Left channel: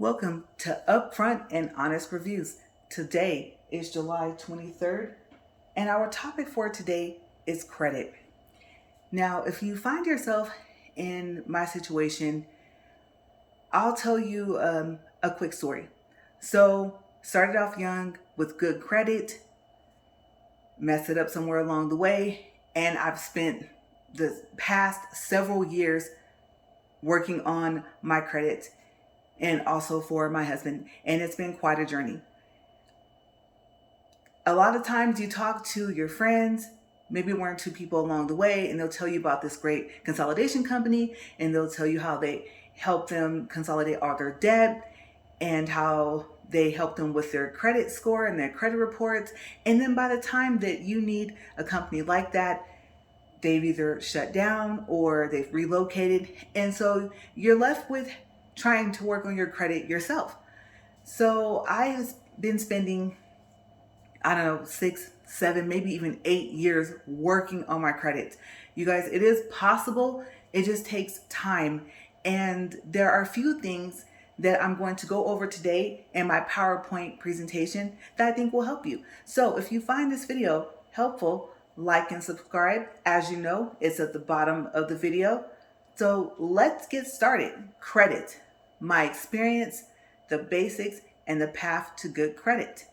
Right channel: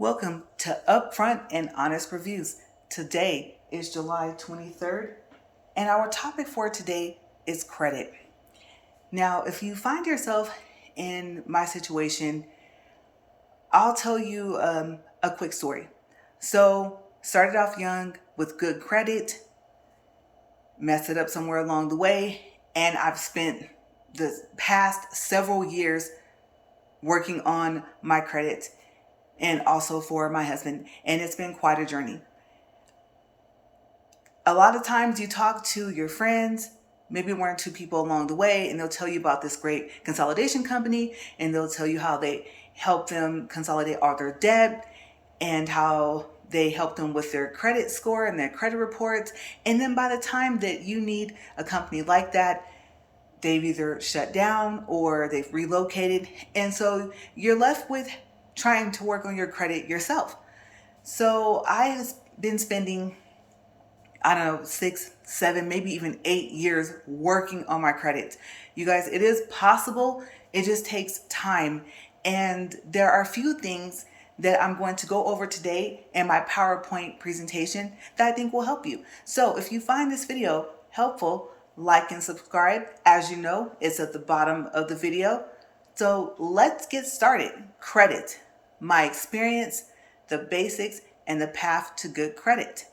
Welcome to Upfront and Honest Reviews. Today is July 23rd, and our topic for today is credit. Now, if you find yourself in my situation, I'll tell you a quick story. So, started off young with good credit, messed it up somewhere along the way, and I've spent the past several years working on my credit and also for my husband, and it's been quite a journey. A lot of times you talk to your friends, maybe one or two people along the way, and they'll tell you about this great consolidation company, and they'll tell you how they help them consolidate all their debt and how they help them with their credit score and their credit reports. And then by the time that you need a company like that, they've either shut down or they've relocated. And so you're left with trying to work on your credit yourself. So I've been spending, I don't know, 6, 7, maybe even 8 years working on my credit. You guys, it is possible. It just takes time. And there are a few things that I'm going to go over today in my PowerPoint presentation that I think will help you. So if you find this video helpful, like and subscribe. As you know, it's at the bottom of the video. So let's get started. Credit, my experience, the basics, and the path to good credit.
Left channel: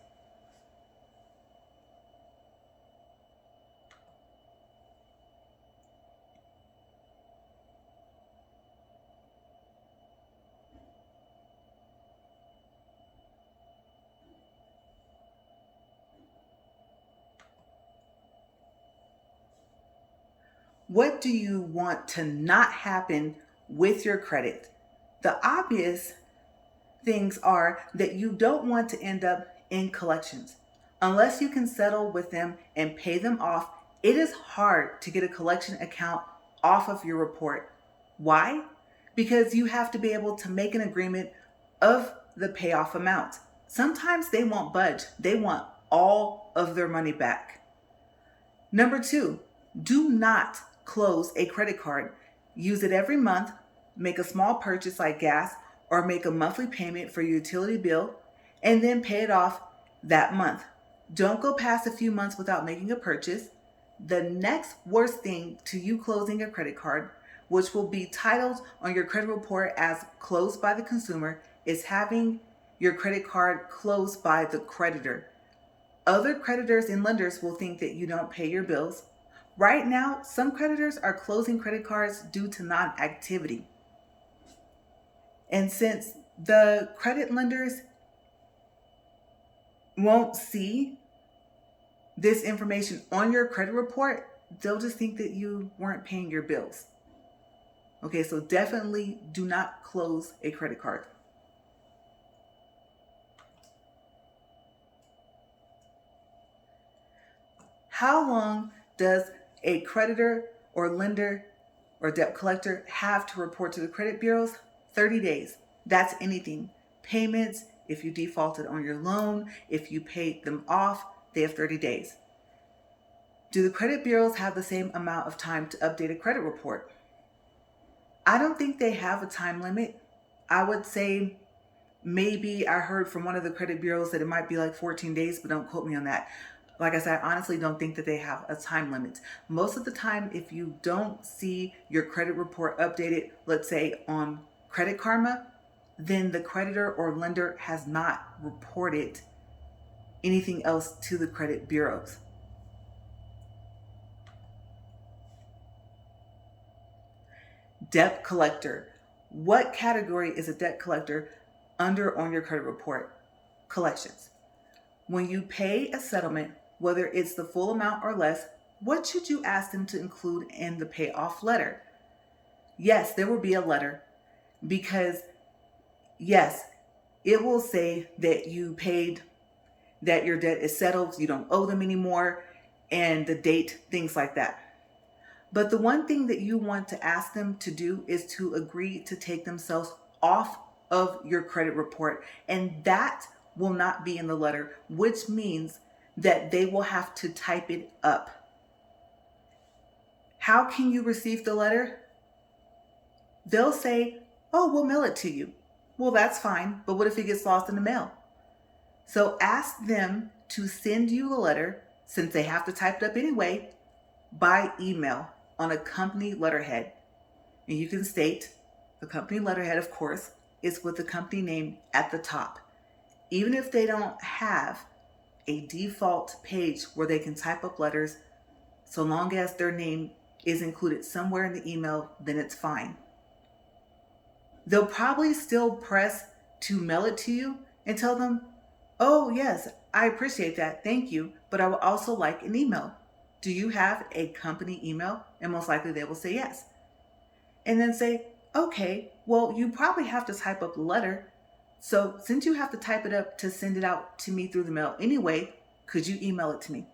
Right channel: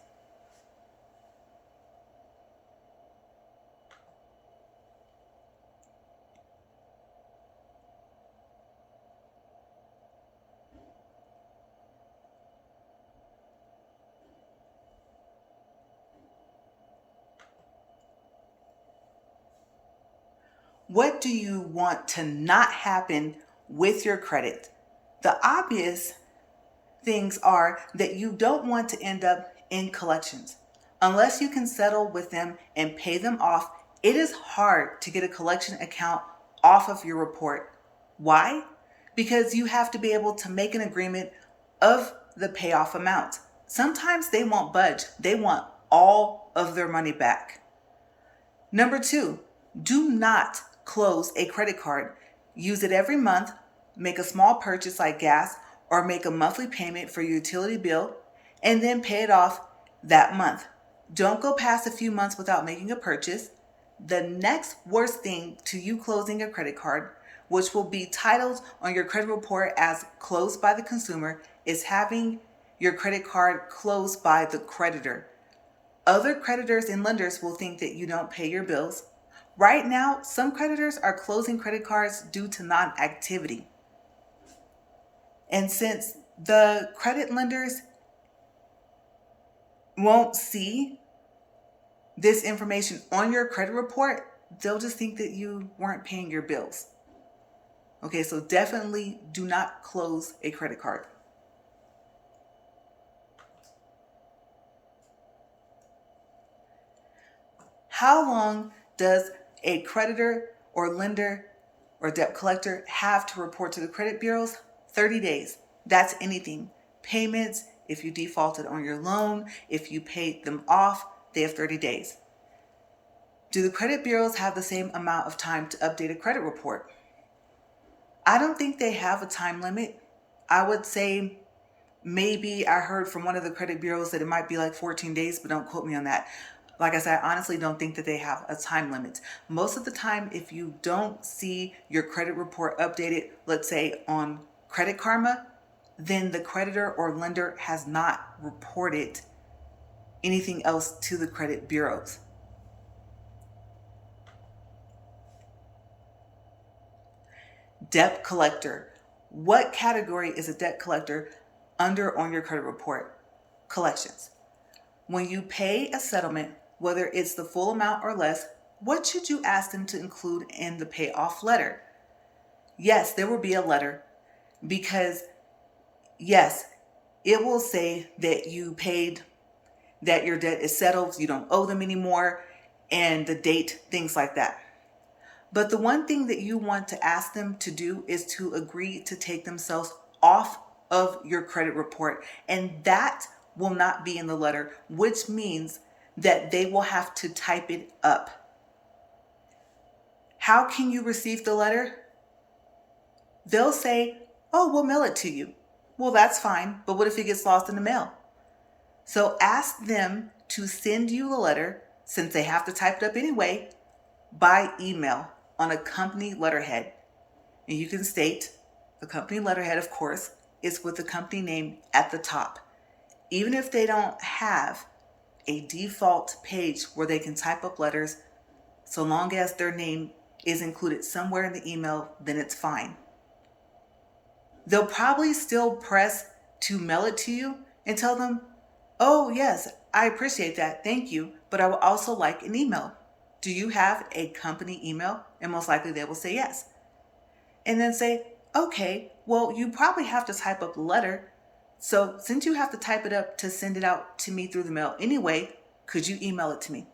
What do you want to not happen with your credit? The obvious things are that you don't want to end up in collections. Unless you can settle with them and pay them off, it is hard to get a collection account off of your report. Why? Because you have to be able to make an agreement of the payoff amount. Sometimes they won't budge. They want all of their money back. Number 2, do not close a credit card. Use it every month, make a small purchase like gas, or make a monthly payment for your utility bill, and then pay it off that month. Don't go past a few months without making a purchase. The next worst thing to you closing a credit card, which will be titled on your credit report as closed by the consumer, is having your credit card closed by the creditor. Other creditors and lenders will think that you don't pay your bills. Right now, some creditors are closing credit cards due to non-activity. And since the credit lenders won't see this information on your credit report, they'll just think that you weren't paying your bills. Okay, so definitely do not close a credit card. How long does a creditor or lender or debt collector have to report to the credit bureaus? 30 days. That's anything. Payments, if you defaulted on your loan, if you paid them off, they have 30 days. Do the credit bureaus have the same amount of time to update a credit report? I don't think they have a time limit. I would say maybe I heard from one of the credit bureaus that it might be like 14 days, but don't quote me on that. Like I said, I honestly don't think that they have a time limit. Most of the time, if you don't see your credit report updated, let's say on Credit Karma, then the creditor or lender has not reported anything else to the credit bureaus. Debt collector. What category is a debt collector under on your credit report? Collections. When you pay a settlement, whether it's the full amount or less, what should you ask them to include in the payoff letter? Yes, there will be a letter because, yes, it will say that you paid, that your debt is settled, you don't owe them anymore, and the date, things like that. But the one thing that you want to ask them to do is to agree to take themselves off of your credit report, and that will not be in the letter, which means that they will have to type it up. How can you receive the letter? They'll say, oh, we'll mail it to you. Well, that's fine, but what if it gets lost in the mail? So ask them to send you the letter, since they have to type it up anyway, by email on a company letterhead. And you can state the company letterhead, of course, is with the company name at the top. Even if they don't have a default page where they can type up letters, so long as their name is included somewhere in the email, then it's fine. They'll probably still press to mail it to you and tell them, oh, yes, I appreciate that. Thank you. But I would also like an email. Do you have a company email? And most likely they will say yes. And then say, okay, well, you probably have to type up the letter. So since you have to type it up to send it out to me through the mail anyway, could you email it to me?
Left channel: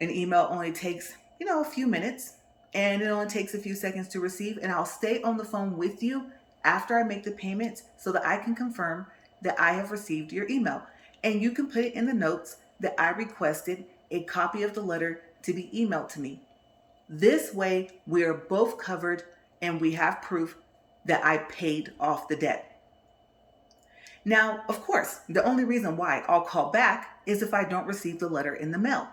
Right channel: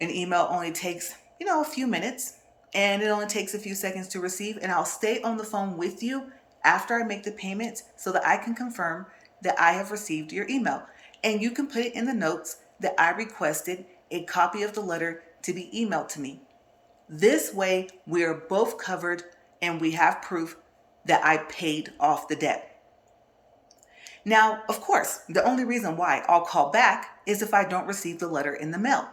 An email only takes, a few minutes, and it only takes a few seconds to receive. And I'll stay on the phone with you after I make the payment so that I can confirm that I have received your email. And you can put it in the notes that I requested a copy of the letter to be emailed to me. This way, we are both covered and we have proof that I paid off the debt. Now, of course, the only reason why I'll call back is if I don't receive the letter in the mail.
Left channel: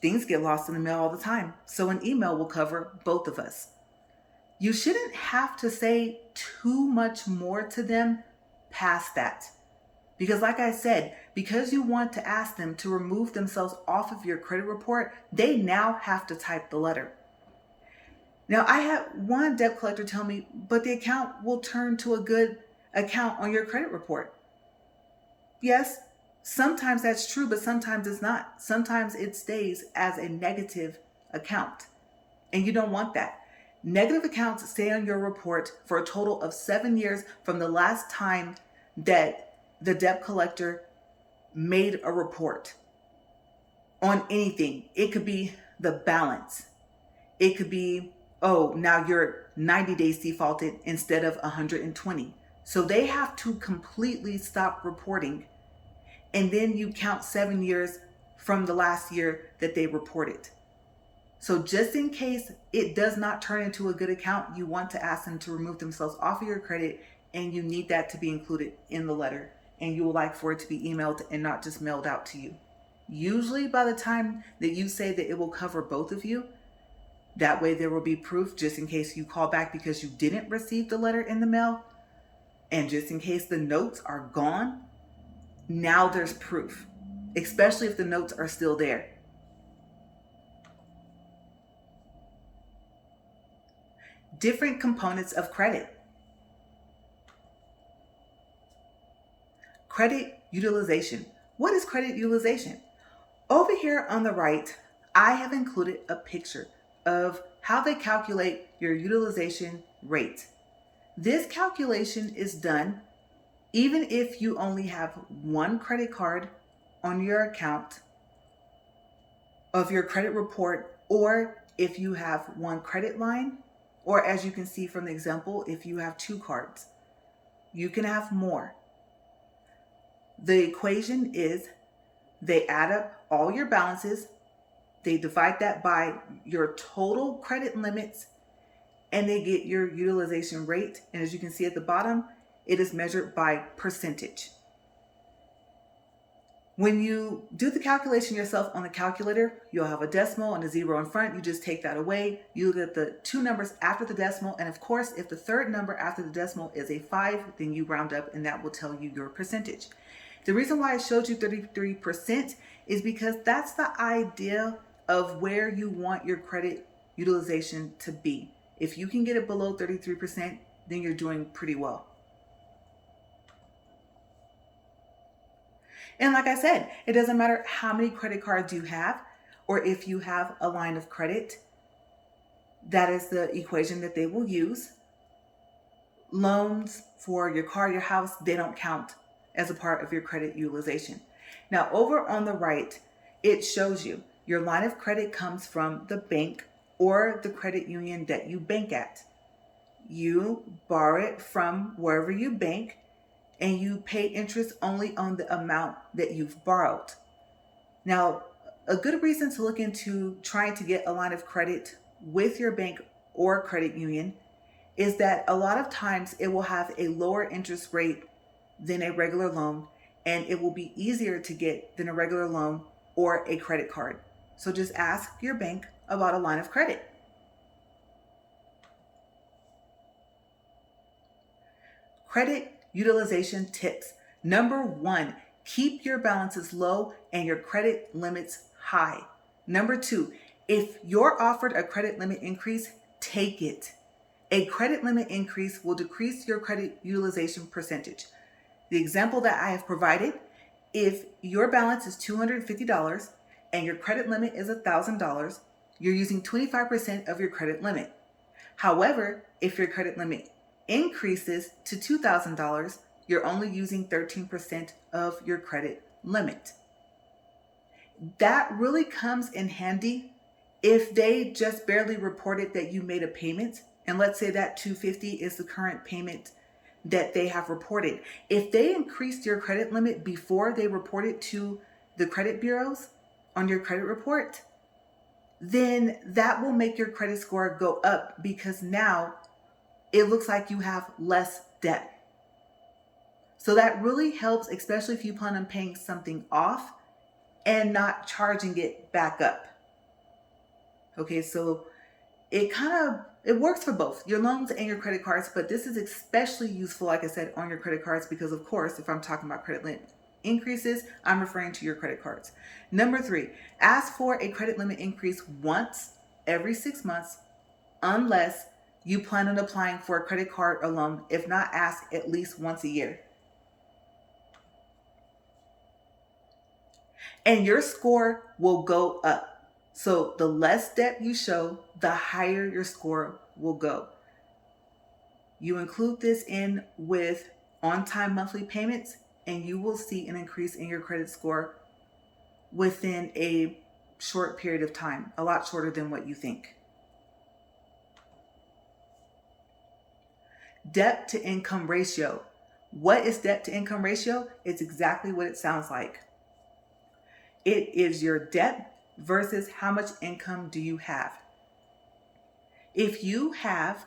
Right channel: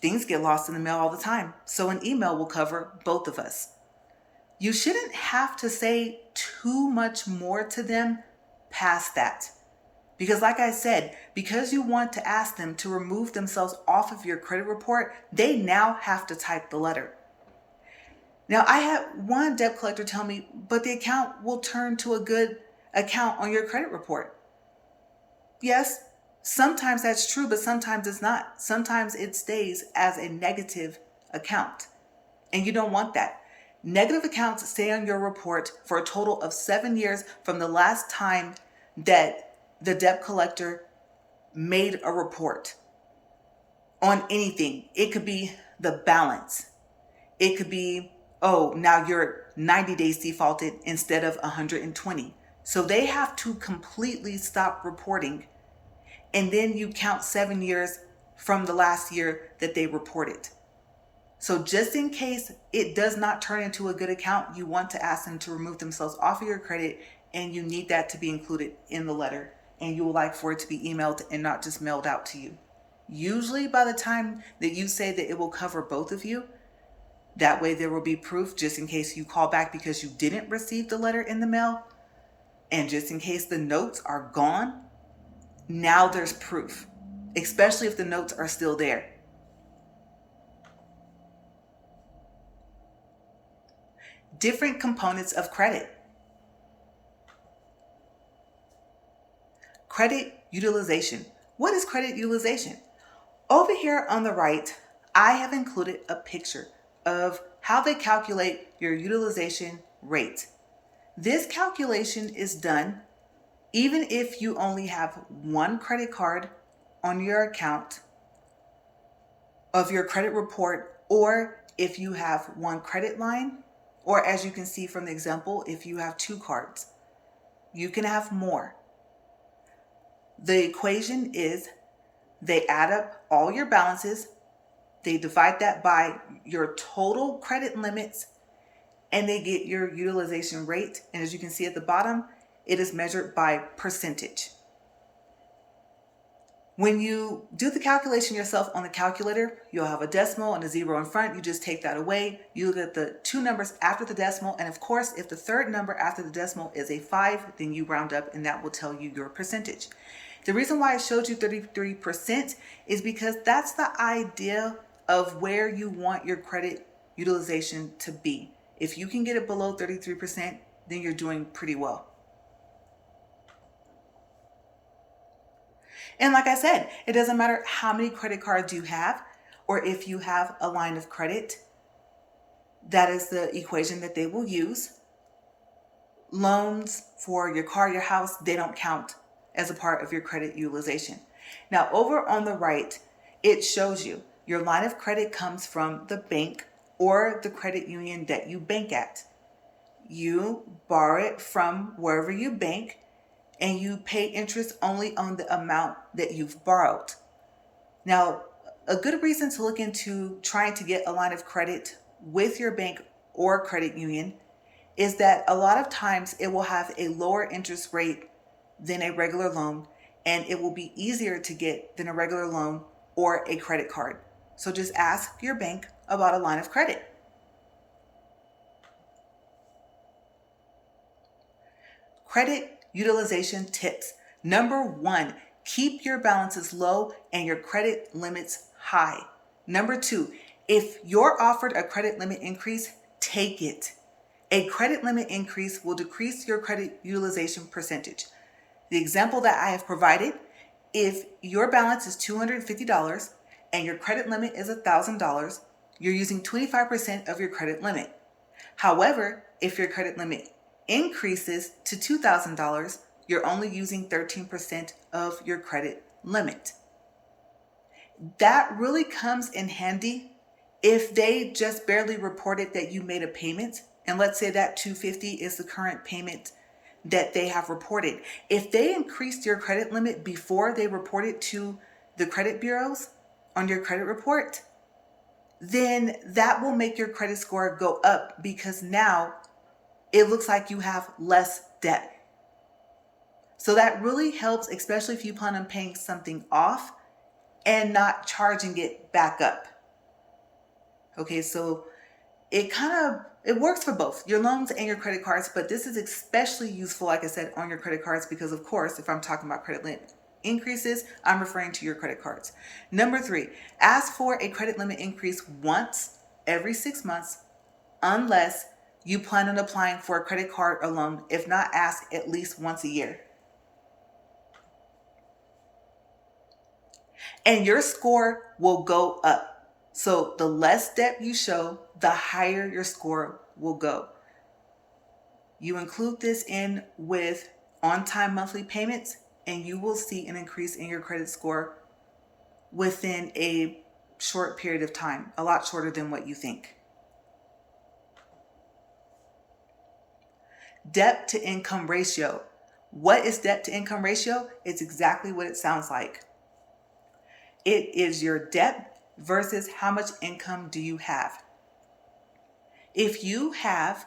Things get lost in the mail all the time, so an email will cover both of us. You shouldn't have to say too much more to them past that. Because like I said, because you want to ask them to remove themselves off of your credit report, they now have to type the letter. Now, I had one debt collector tell me, but the account will turn to a good account on your credit report. Yes, sometimes that's true, but sometimes it's not. Sometimes it stays as a negative account, and you don't want that. Negative accounts stay on your report for a total of 7 years from the last time that the debt collector made a report on anything. It could be the balance. It could be, oh, now you're 90 days defaulted instead of 120. So they have to completely stop reporting. And then you count 7 years from the last year that they reported. So just in case it does not turn into a good account, you want to ask them to remove themselves off of your credit, and you need that to be included in the letter. And you would like for it to be emailed and not just mailed out to you. Usually by the time that you say that it will cover both of you, that way there will be proof just in case you call back because you didn't receive the letter in the mail. And just in case the notes are gone, now there's proof, especially if the notes are still there. Different components of credit. Credit utilization. What is credit utilization? Over here on the right, I have included a picture of how they calculate your utilization rate. This calculation is done even if you only have one credit card on your account of your credit report, or if you have one credit line, or as you can see from the example, if you have 2 cards. You can have more. The equation is they add up all your balances, they divide that by your total credit limits, and they get your utilization rate. And as you can see at the bottom, it is measured by percentage. When you do the calculation yourself on the calculator, you'll have a decimal and a 0 in front. You just take that away. You look at the 2 numbers after the decimal. And of course, if the third number after the decimal is a 5, then you round up and that will tell you your percentage. The reason why I showed you 33% is because that's the idea of where you want your credit utilization to be. If you can get it below 33%, then you're doing pretty well. And like I said, it doesn't matter how many credit cards you have, or if you have a line of credit, that is the equation that they will use. Loans for your car, your house, they don't count as a part of your credit utilization. Now, over on the right, it shows you your line of credit comes from the bank or the credit union that you bank at. You borrow it from wherever you bank, and you pay interest only on the amount that you've borrowed. Now, a good reason to look into trying to get a line of credit with your bank or credit union is that a lot of times it will have a lower interest rate than a regular loan, and it will be easier to get than a regular loan or a credit card. So just ask your bank about a line of credit. Credit utilization tips. Number one, keep your balances low and your credit limits high. Number two, if you're offered a credit limit increase, take it. A credit limit increase will decrease your credit utilization percentage. The example that I have provided, if your balance is $250 and your credit limit is $1,000, you're using 25% of your credit limit. However, if your credit limit increases to $2,000, you're only using 13% of your credit limit. That really comes in handy if they just barely reported that you made a payment, and let's say that $250 is the current payment that they have reported. If they increased your credit limit before they reported to the credit bureaus on your credit report, then that will make your credit score go up because now it looks like you have less debt. So that really helps, especially if you plan on paying something off and not charging it back up. Okay, so it works for both your loans and your credit cards, but this is especially useful, like I said, on your credit cards because, of course, if I'm talking about credit limit increases, I'm referring to your credit cards. Number three, ask for a credit limit increase once every 6 months unless you plan on applying for a credit card or loan. If not, ask at least once a year. And your score will go up. So the less debt you show, the higher your score will go. You include this in with on-time monthly payments, and you will see an increase in your credit score within a short period of time, a lot shorter than what you think. Debt to income ratio. What is debt to income ratio? It's exactly what it sounds like. It is your debt versus how much income do you have. If you have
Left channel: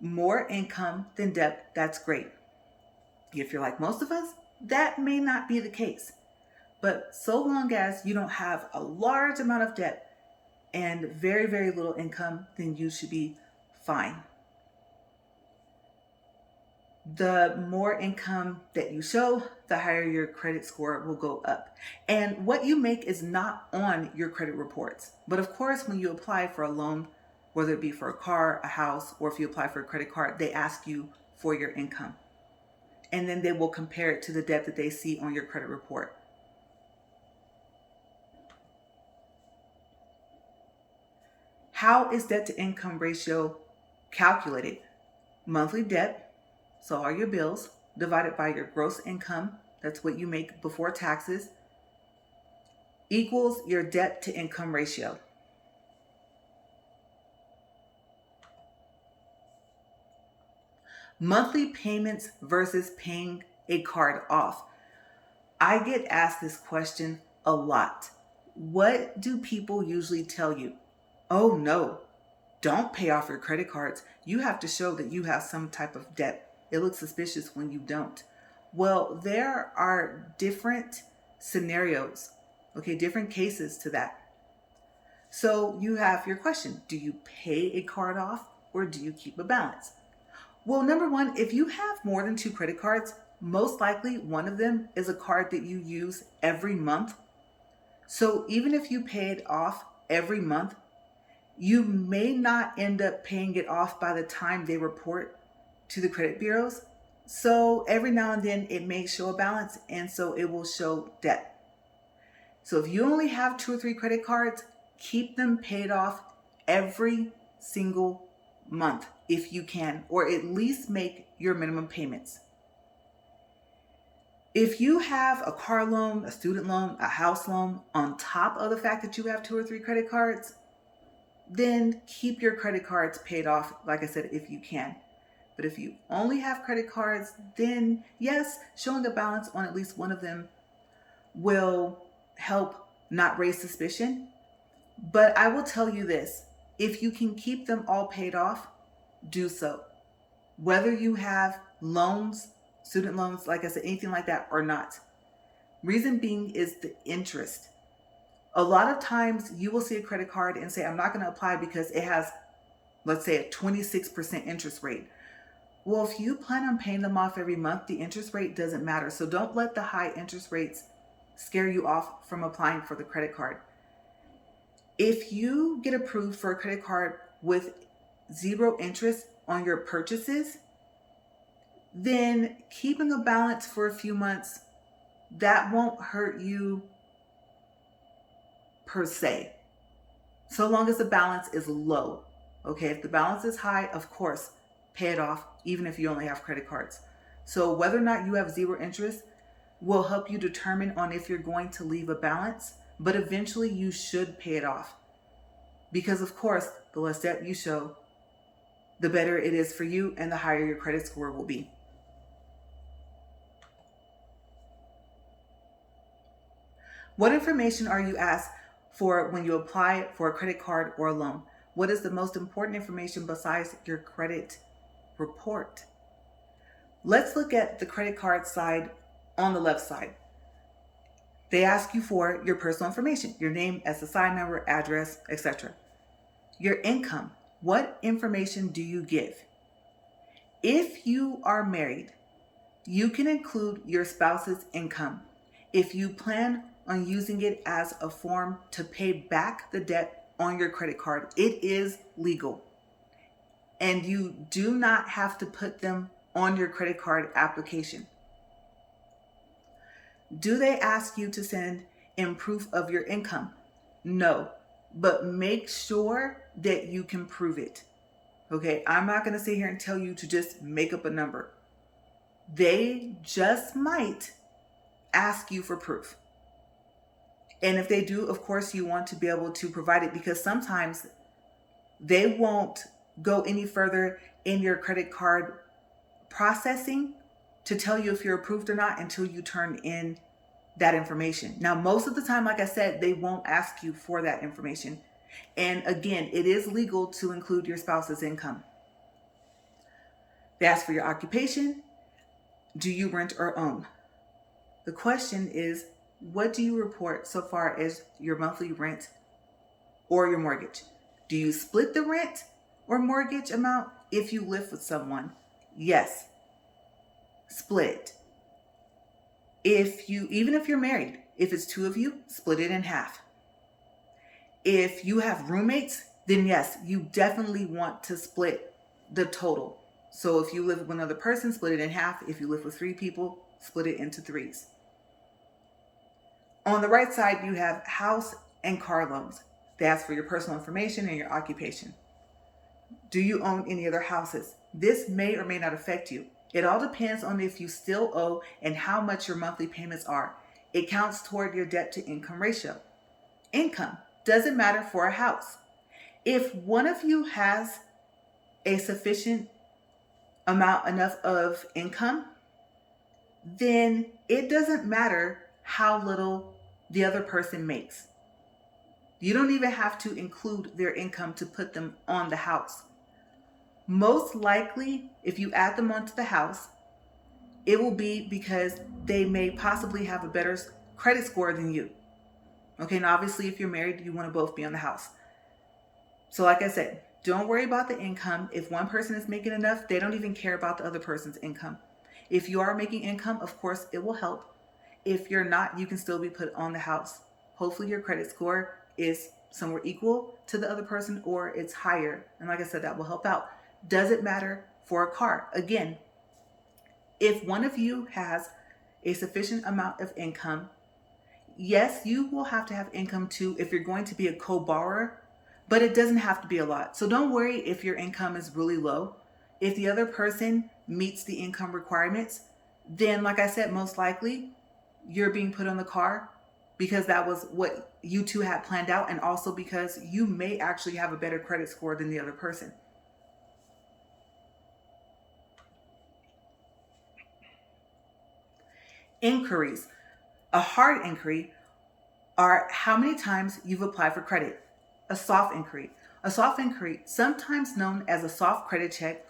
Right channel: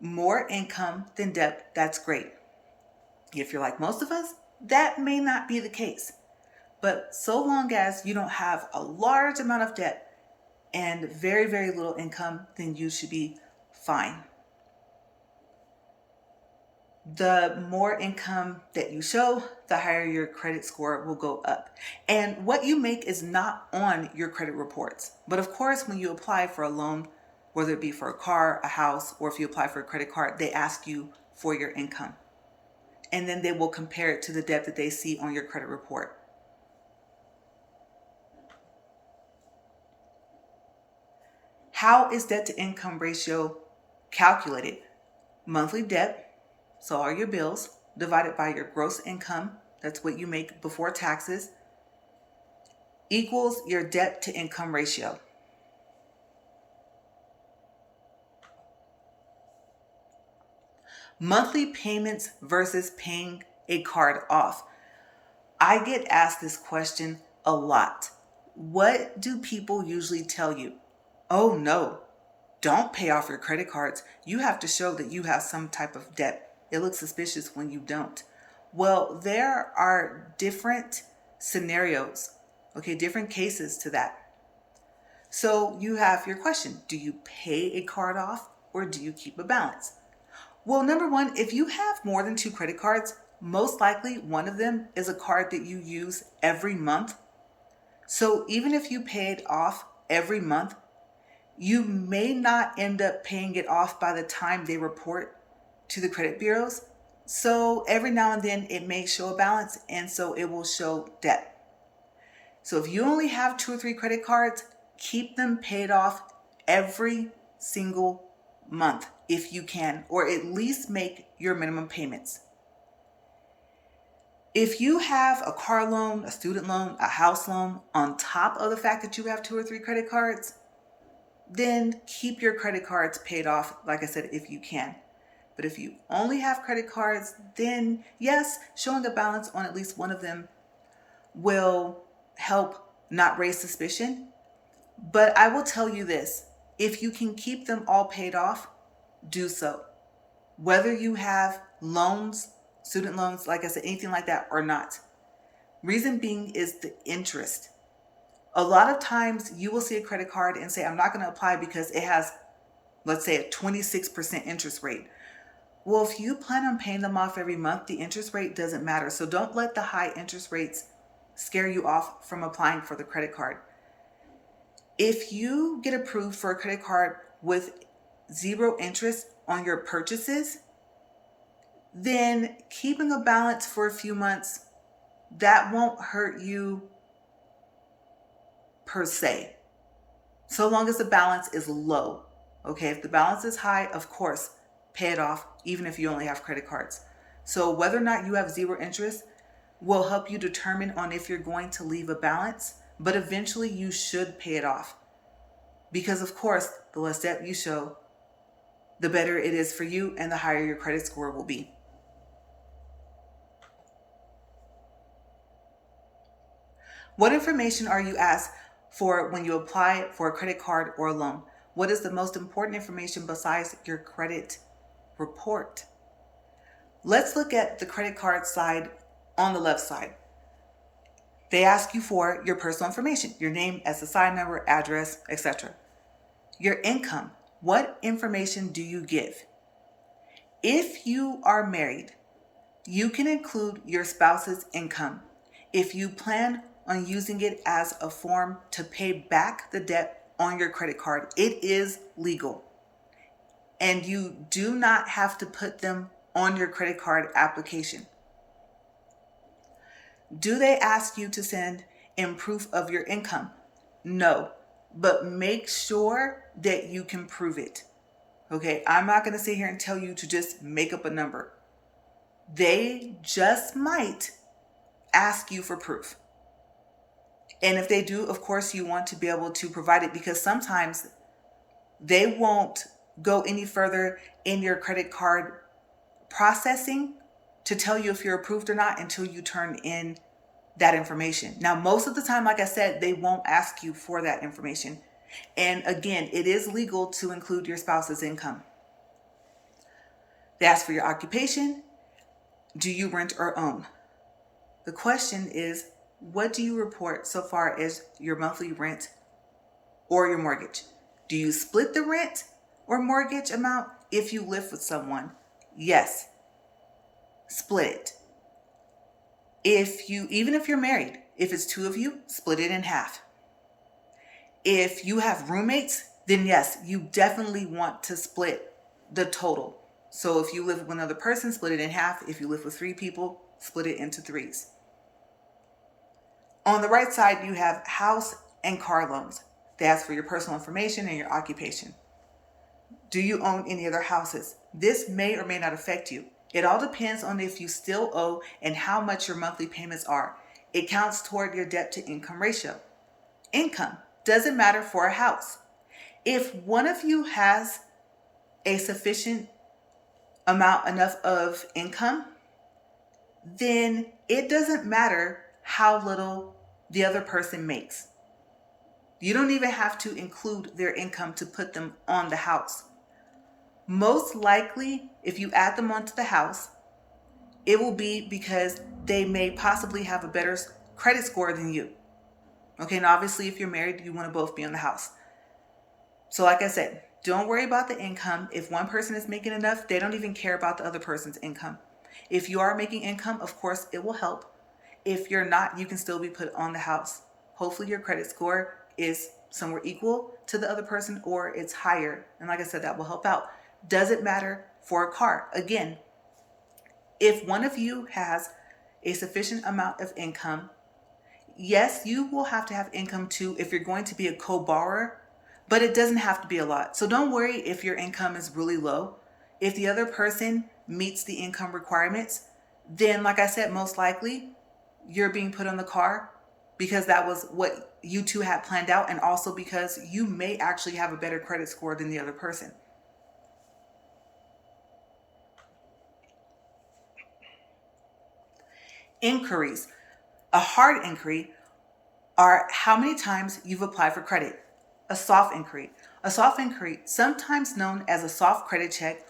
more income than debt, that's great. If you're like most of us, that may not be the case. But so long as you don't have a large amount of debt and very, very little income, then you should be fine. The more income that you show, the higher your credit score will go up. And what you make is not on your credit reports. But of course, when you apply for a loan, whether it be for a car, a house, or if you apply for a credit card, they ask you for your income. And then they will compare it to the debt that they see on your credit report. How is debt to income ratio calculated? Monthly debt, so all your bills, divided by your gross income, that's what you make before taxes, equals your debt to income ratio. Monthly payments versus paying a card off. I get asked this question a lot. What do people usually tell you? Oh no, don't pay off your credit cards. You have to show that you have some type of debt. It looks suspicious when you don't. Well, there are different scenarios, different cases to that. So you have your question, do you pay a card off or do you keep a balance? Well, number one, if you have more than 2 credit cards, most likely one of them is a card that you use every month. So even if you pay it off every month, you may not end up paying it off by the time they report to the credit bureaus. So every now and then it may show a balance, and so it will show debt. So if you only have 2 or 3 credit cards, keep them paid off every single month if you can, or at least make your minimum payments. If you have a car loan, a student loan, a house loan, on top of the fact that you have 2 or 3 credit cards, then keep your credit cards paid off, like I said, if you can. But if you only have credit cards, then yes, showing a balance on at least one of them will help not raise suspicion. But I will tell you this, if you can keep them all paid off, do so. whether you have loans, student loans, like I said, anything like that or not. Reason being is the interest. A lot of times you will see a credit card and say, I'm not going to apply because it has, let's say, a 26% interest rate. Well, if you plan on paying them off every month, the interest rate doesn't matter. So don't let the high interest rates scare you off from applying for the credit card. If you get approved for a credit card with zero interest on your purchases, then keeping a balance for a few months, that won't hurt you per se, so long as the balance is low. Okay, if the balance is high, of course, pay it off, even if you only have credit cards. So whether or not you have zero interest will help you determine on if you're going to leave a balance, but eventually you should pay it off. Because of course, the less debt you show, the better it is for you and the higher your credit score will be. What information are you asked for when you apply for a credit card or a loan? What is the most important information besides your credit report? Let's look at the credit card side on the left side. They ask you for your personal information, your name, SSI number, address, etc. Your income. What information do you give? If you are married, you can include your spouse's income. If you plan on using it as a form to pay back the debt on your credit card, it is legal. And you do not have to put them on your credit card application. Do they ask you to send in proof of your income? No, but make sure that you can prove it. Okay, I'm not going to sit here and tell you to just make up a number. They just might ask you for proof. And if they do, of course, you want to be able to provide it, because sometimes they won't go any further in your credit card processing to tell you if you're approved or not until you turn in that information. Now, most of the time, like I said, they won't ask you for that information. And again, it is legal to include your spouse's income. They ask for your occupation. Do you rent or own? The question is, what do you report so far as your monthly rent or your mortgage? Do you split the rent or mortgage amount if you live with someone? Yes, split it. Even if you're married, if it's two of you, split it in half. If you have roommates, then yes, you definitely want to split the total. So if you live with another person, split it in half. If you live with three people, split it into threes. On the right side, you have house and car loans. They ask for your personal information and your occupation. Do you own any other houses? This may or may not affect you. It all depends on if you still owe and how much your monthly payments are. It counts toward your debt to income ratio. Income doesn't matter for a house. If one of you has a sufficient amount enough of income, then it doesn't matter how little the other person makes. You don't even have to include their income to put them on the house. Most likely, if you add them onto the house, it will be because they may possibly have a better credit score than you. Okay, and obviously if you're married, you want to both be on the house. So like I said, don't worry about the income. If one person is making enough, they don't even care about the other person's income. If you are making income, of course, it will help. If you're not, you can still be put on the house. Hopefully your credit score is somewhere equal to the other person or it's higher. And like I said, that will help out. Does it matter for a car? Again, if one of you has a sufficient amount of income, yes, you will have to have income too if you're going to be a co-borrower, but it doesn't have to be a lot. So don't worry if your income is really low. If the other person meets the income requirements, then like I said, most likely you're being put on the car because that was what you two had planned out, and also because you may actually have a better credit score than the other person. Inquiries. A hard inquiry are how many times you've applied for credit. A soft inquiry. A soft inquiry, sometimes known as a soft credit check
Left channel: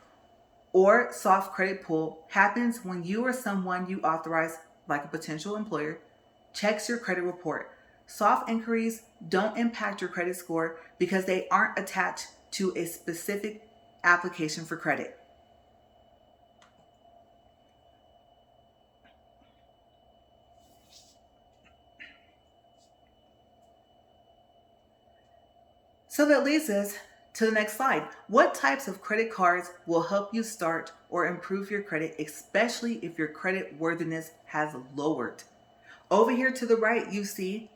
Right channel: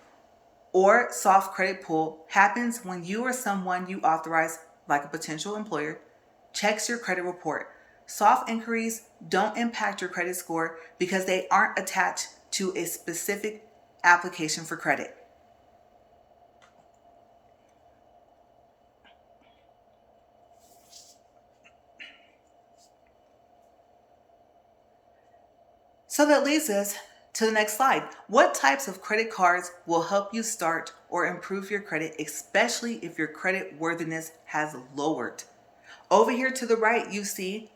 or soft credit pull happens when you or someone you authorize, like a potential employer, checks your credit report. Soft inquiries don't impact your credit score because they aren't attached to a specific application for credit. So that leads us to the next slide. What types of credit cards will help you start or improve your credit, especially if your credit worthiness has lowered? Over here to the right, you see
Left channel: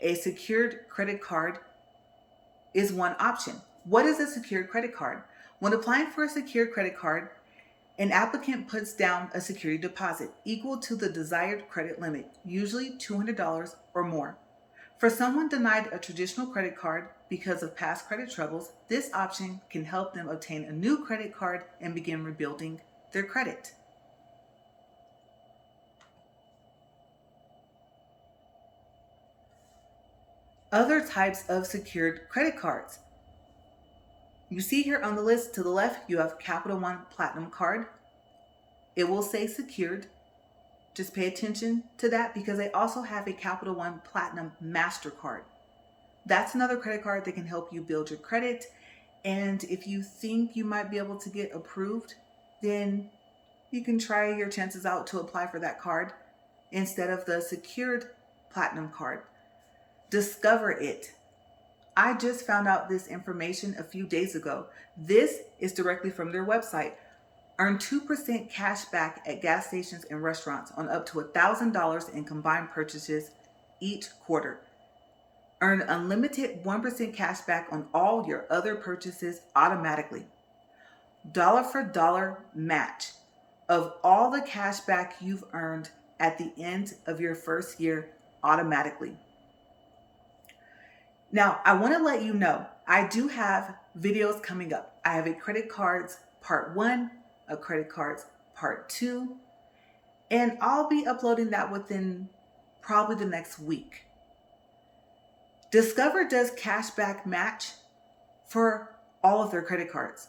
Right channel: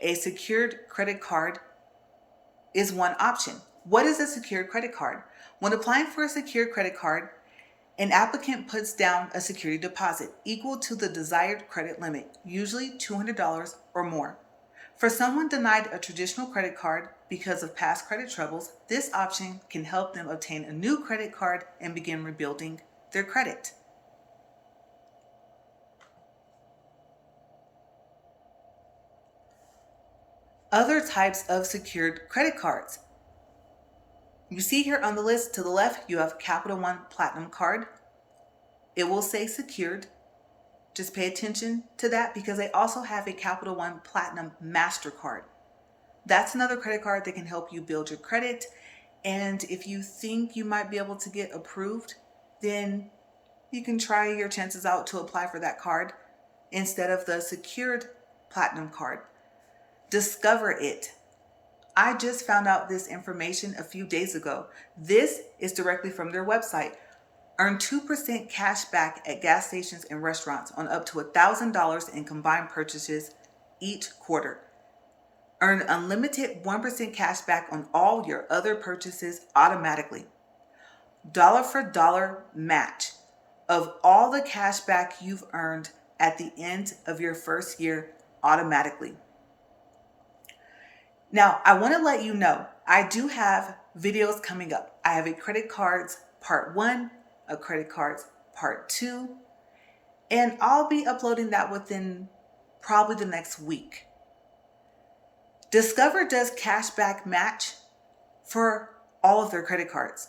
a secured credit card is one option. What is a secured credit card? When applying for a secured credit card, an applicant puts down a security deposit equal to the desired credit limit, usually $200 or more. For someone denied a traditional credit card because of past credit troubles, this option can help them obtain a new credit card and begin rebuilding their credit. Other types of secured credit cards. You see here on the list to the left, you have Capital One Platinum Card. It will say secured. Just pay attention to that because they also have a Capital One Platinum MasterCard. That's another credit card that can help you build your credit. And if you think you might be able to get approved, then you can try your chances out to apply for that card instead of the secured Platinum card. Discover it. I just found out this information a few days ago. This is directly from their website. Earn 2% cash back at gas stations and restaurants on up to $1,000 in combined purchases each quarter. Earn unlimited 1% cash back on all your other purchases automatically. Dollar for dollar match of all the cash back you've earned at the end of your first year automatically. Now, I want to let you know, I do have videos coming up. I have a credit cards part 1, a credit cards part 2, and I'll be uploading that within probably the next week. Discover does cashback match for all of their credit cards.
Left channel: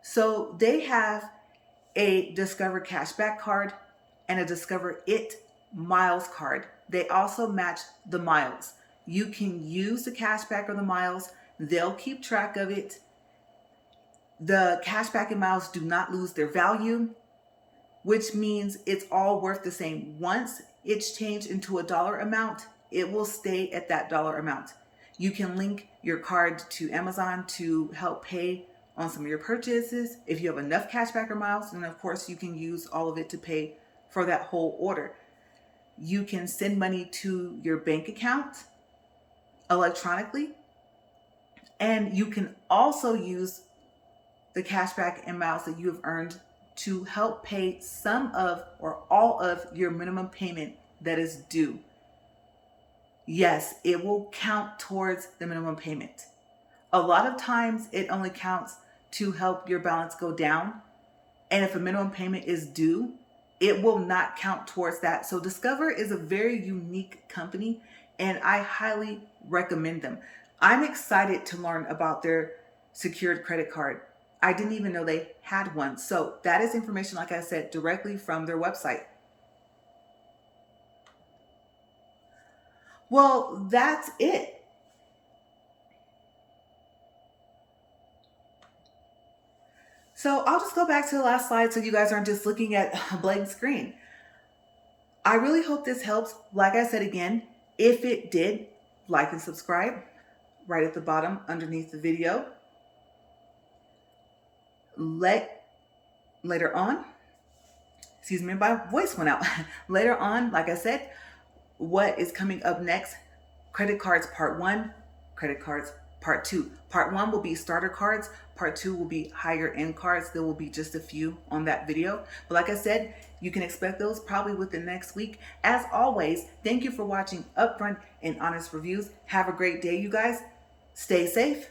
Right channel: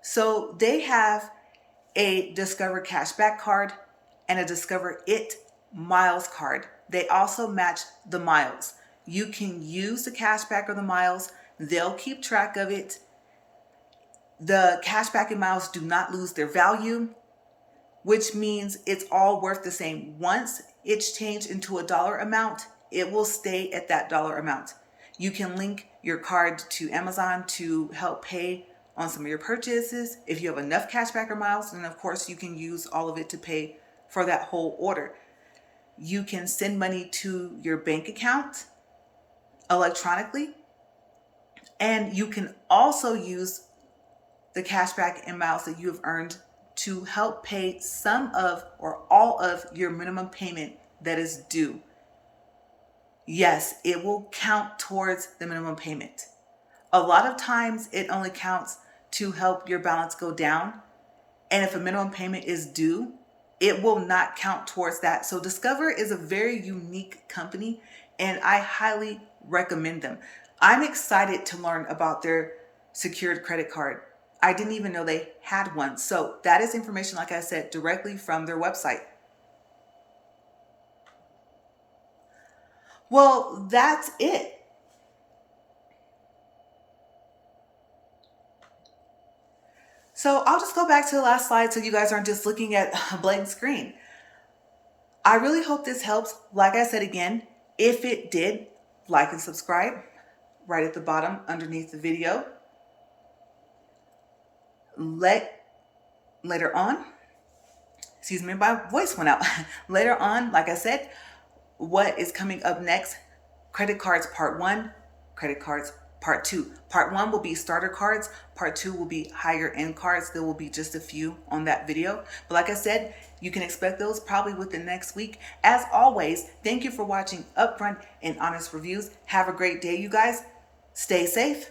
So they have a Discover cashback card and a Discover It miles card. They also match the miles. You can use the cashback or the miles. They'll keep track of it. The cashback and miles do not lose their value, which means it's all worth the same. Once it's changed into a dollar amount, it will stay at that dollar amount. You can link your card to Amazon to help pay on some of your purchases. If you have enough cashback or miles, then of course you can use all of it to pay for that whole order. You can send money to your bank account electronically, and you can also use the cashback and miles that you have earned to help pay some of or all of your minimum payment that is due. Yes, it will count towards the minimum payment. A lot of times it only counts to help your balance go down. And if a minimum payment is due, it will not count towards that. So Discover is a very unique company and I highly recommend them. I'm excited to learn about their secured credit card. I didn't even know they had one. So that is information, like I said, directly from their website. Well, that's it. So I'll just go back to the last slide so you guys aren't just looking at a blank screen. I really hope this helps. Like I said again, if it did, like and subscribe right at the bottom underneath the video. Later on, excuse me, my voice went out. Later on, like I said, what is coming up next? Credit cards part 1, credit cards part 2. Part 1 will be starter cards. Part 2 will be higher end cards. There will be just a few on that video. But like I said, you can expect those probably within next week. As always, thank you for watching Upfront and Honest Reviews. Have a great day, you guys. Stay safe.